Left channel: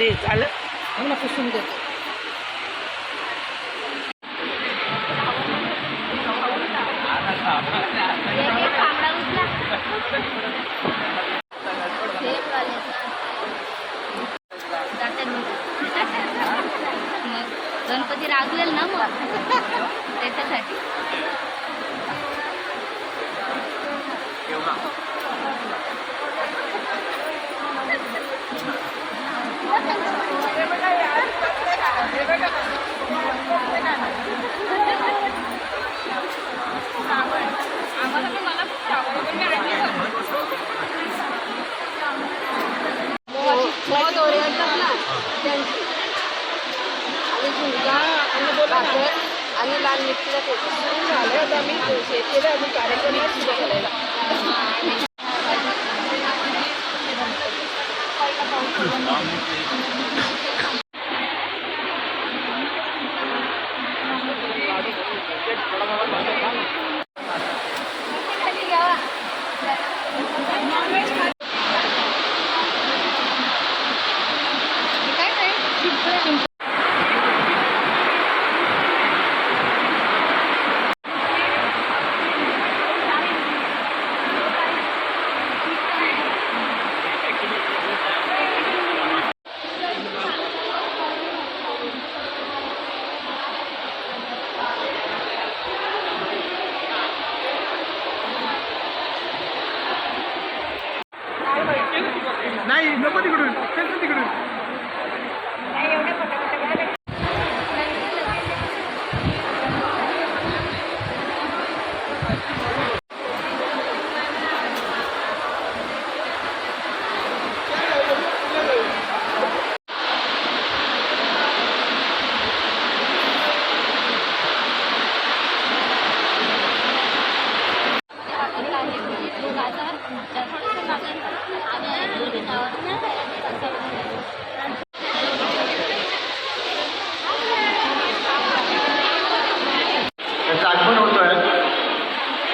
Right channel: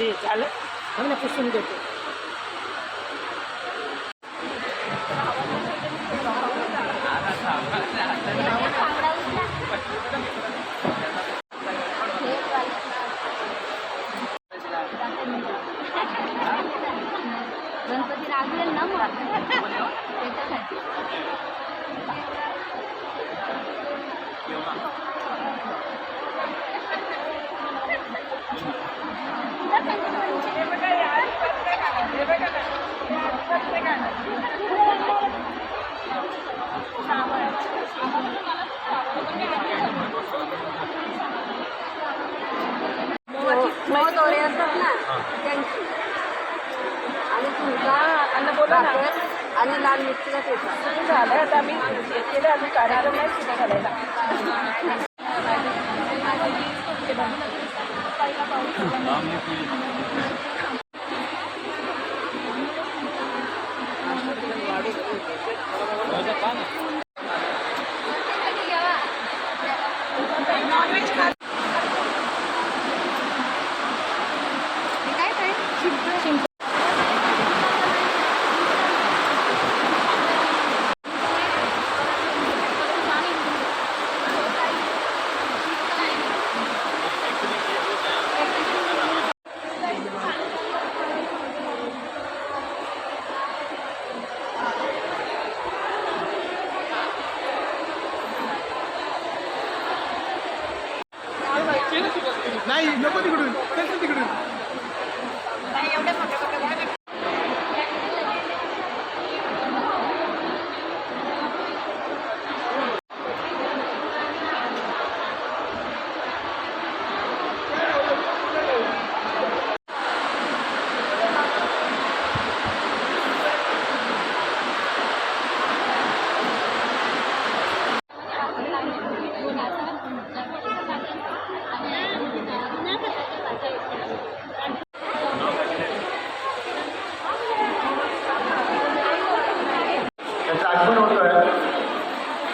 ते झालं मग ना पुसून देतो. गणपती लागलेल ना मग त्याच्यासाठी आणि लाल मिरचीचा ठेचा झालं. आता आम्ही केलं आम्ही कार्यक्रम सुरू करायला. नाही नको तिकडून तिकडून. त्याचं आगमन होतोय.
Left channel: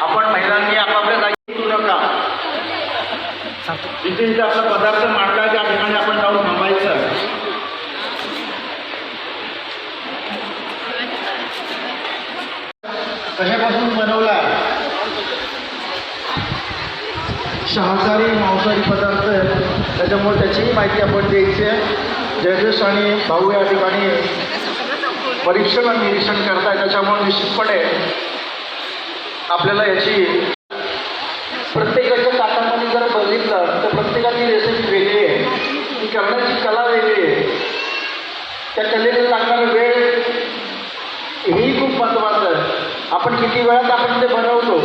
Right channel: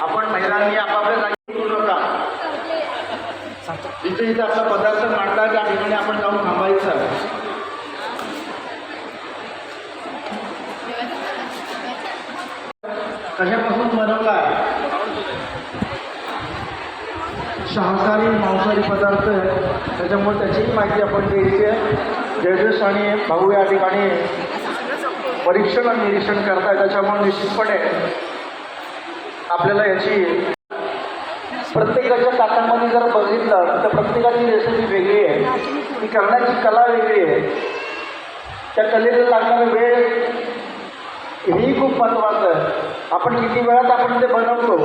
आपण महिलांनी आपापल्या जागी करू नका. जिथे जिथे आपला पदार्थ मांडला त्या ठिकाणी आपण जाऊन थांबायचं. कशापासून बनवला शाकाहारी मांसाहारी पदार्थ त्याच्यामुळे त्याचीही माहिती आपण द्यायची आहे. जयदेश आणि भाऊ या ठिकाणी परीक्षण आणि निरीक्षण करताय. त्याच्यामुळे निश्चितपणे आपल्याला याची प्रत्येकाच्या ताटामध्ये जर बघितलं तर प्रत्येकाची रेसिपी वेगळी आहे. ती करण्याची कला वेगळी आहे. त्या कलेला लागणारा वेळ हेही खूप महत्त्वाचं आहे. आपण किती वेळात आपण ते बनवतो.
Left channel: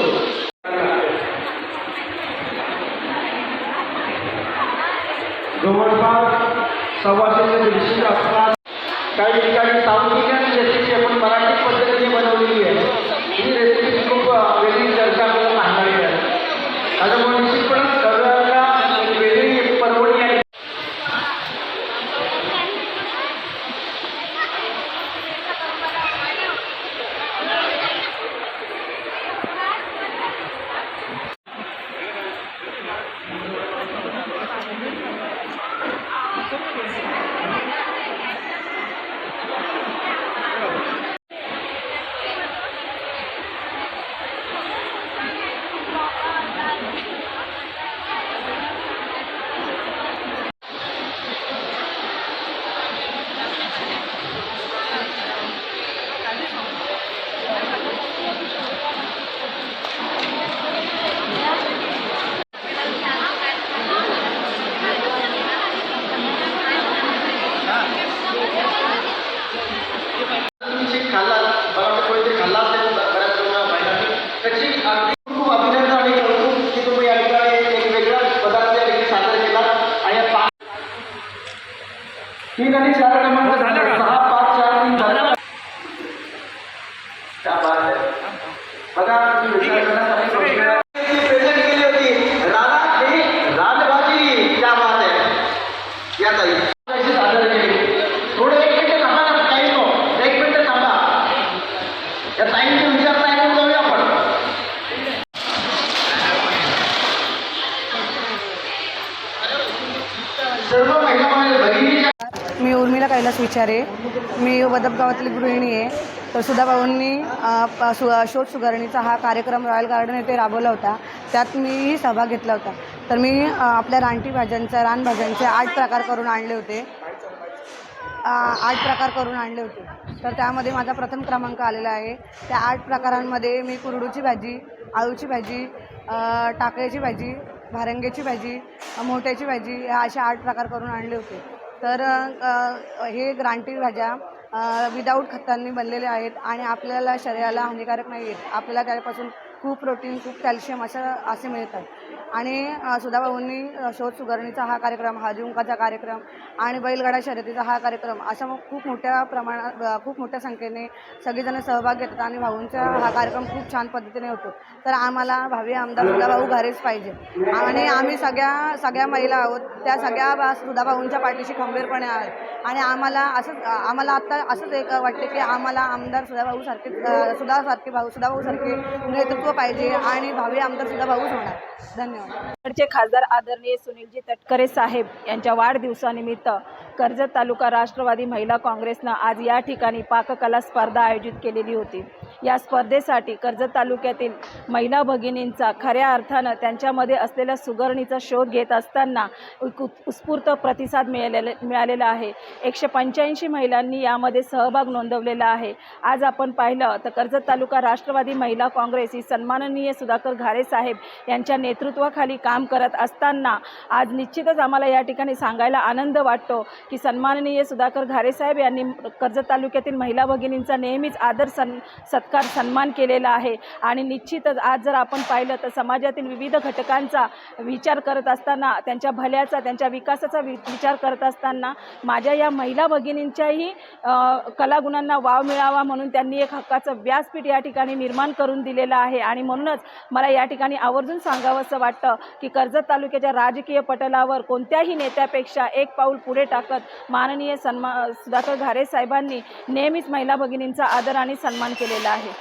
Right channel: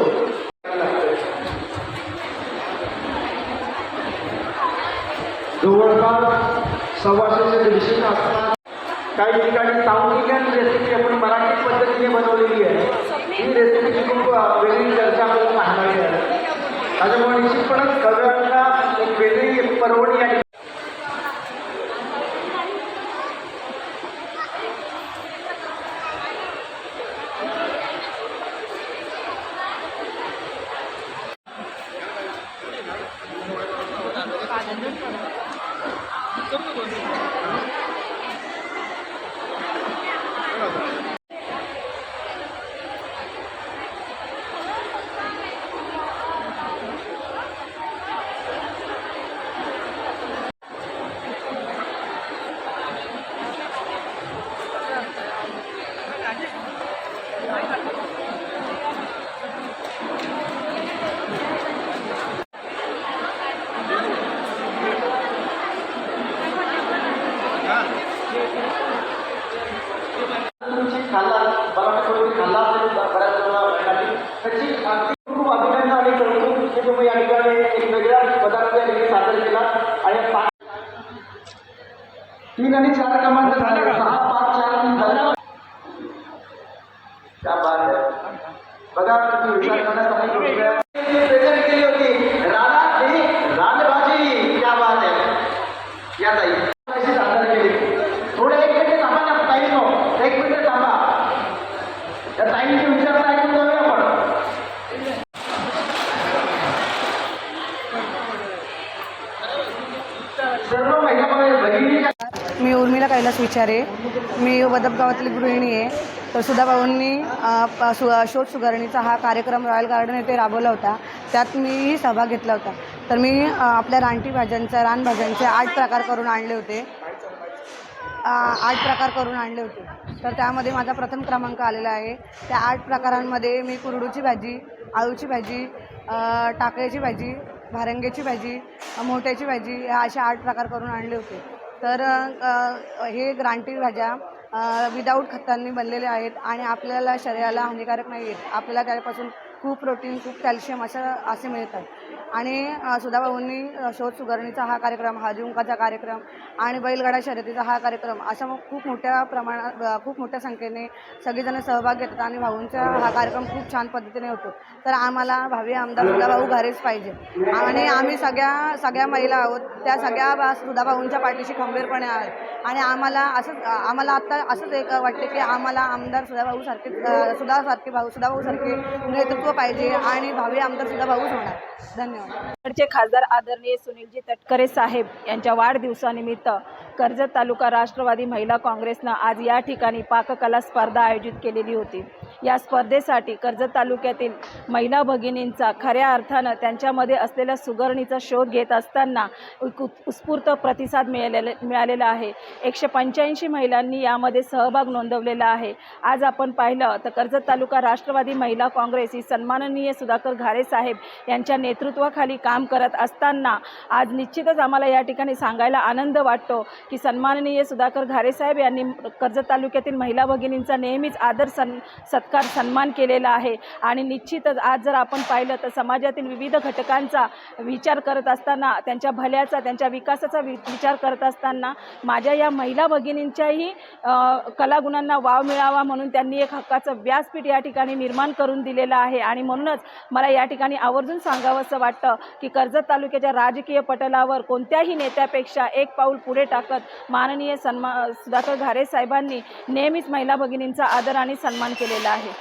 जवळपास 125 ते 150 असतात. काही ठिकाणी साऊथ इंडियन रेसिपी आपण मराठी पद्धतीने बनवलेली आहे. ही रेसिपीची खूप वेगळी चर्चा आपल्याला पाहणारी आहे. त्याच्यामुळे निश्चितपणे सगळ्यांना एक वेगळी परवडी आहे. तीन आणि चार क्रमांक झाले का? 6, 5, 4, 3 झाले. त्या बघा तुम्ही विचार करण्यासाठी प्रेझेंट केली होती रानभाजी. त्या बात आहे या ताई सादर केली. थोडं 1 मिनिट थांबा ना. टाईम नो 1 मिनिट थांबा. या टाईमचा विचार ऐकून जाऊया आपण. सर्व महिला भगिनीच्या उर्मिला कैलास विचारे. मी वदप गावातली गृहिणी आहे. तर सुधाभाऊंनी शोध सुधारणीचा हा कार्यक्रम रॉयल गार्डन येथे राबवला होता. त्यात मीही सहभाग घेतला होता. तर मी आपल्या रानटी भाज्यांचा रानभाज्यांचे 8 प्रकार करून आणले होते. तर त्यामध्ये माझा प्रथम क्रमांक आलेला आहे. त्या 8 प्रकारांमध्ये मी कुरडूची भाजी, आळूची भाजी, टाकळ्याची भाजी, भारंग्याची भाजी, मोठ्याची भाजी या अशा 8 प्रकार करून आणले होते. तर हे रानटी भाज्या विदाऊट खतांनी बनलेले आहेत आणि आपल्याला शरीराला हानिकारक नाही आहेत. आपल्याला त्यापासून खूप प्रोटीन, खूप कॅल्शियम असे मिळतात. आणि सुधाभाऊंनी शोध सुधारणीचा हा कार्यक्रम, हळदीकुंकवाचा कार्यक्रम आणि बैलगाडा शर्यतीचा हा कार्यक्रम असा खूप मोठ्या संख्येने सगळेजण सहभाग घेतात आणि भाऊंचा हा कार्यक्रम खूप छान पद्धतीने होतो. तर आम्हाला भावी आमदार सुधाभाऊ घारेच पाहिजे आणि आम्ही सगळ्या महिला आहोत, त्या सगळ्या सुधाभाऊंच्या पाठीशी खंबीरपणे आहोत. आणि आम्हाला आता असंच एक वाटते की आम्हाला आमदार सुधाभाऊ सारखे नेतृत्व पाहिजे आणि भावी आमदार सुधाभाऊच होणार. धन्यवाद. चे खासदार आदरणीय सुनीलजी तटकरे साहेब यांच्या वाढदिवसानिमित्त कर्जत तालुका राष्ट्रवादी महिला काँग्रेसनं आज या ठिकाणी पाककला स्पर्धा आयोजित केलेली होती. या स्पर्धेसाठी कर्जत तालुक्यातील महिला भगिनींचा खऱ्या अर्थानं त्यांच्यामध्ये असलेल्या सुगरणीचा शोध घेत असताना उत्स्फूर्त प्रतिसाद मिळालेला आहे. 185 महिलांनी यामध्ये सहभाग नोंदवलेला आहे. आज आपण पाहिलं तर कर्जत तालुका राष्ट्रवादी महिला काँग्रेस ही सन्माननीय सुधाकर घारे साहेब यांच्या नेतृत्वाखाली काम करत असताना आज निश्चितच आम्हाला या ठिकाणी सांगायला आनंद वाटतो की सन्माननीय सुधाकर घारे साहेब यांनी कर्जत तालुक्यातील महिला भगिनींचा नेहमीच आदर सत्कार सन्मान केलेला आहे. आणि निश्चितच आज जर आपण पाहिलं तर समाजातील विविध घटकांचा विचार करत असताना, त्यांच्या भल्याचा, त्यांच्या विकासाचा विचार करत असताना माझ्या या महिला भगिनींच्याही कलागुणांना वाव मिळावा म्हणून त्यांनी एक हक्काचं व्यासपीठ या ठिकाणी निर्माण करून दिलेलं आहे. आणि म्हणूनच मला या ठिकाणी आवर्जून सांगावं असं वाटतं की कर्जत तालुक्याच्या राजकीय पटलावर कोणत्याही नेत्यापेक्षा एक पाऊल पुढे टाकत माननीय सुधाकर घारे साहेबांनी नेहमीच महिला भगिनींचा आदर आणि सन्मान केलेला आहे.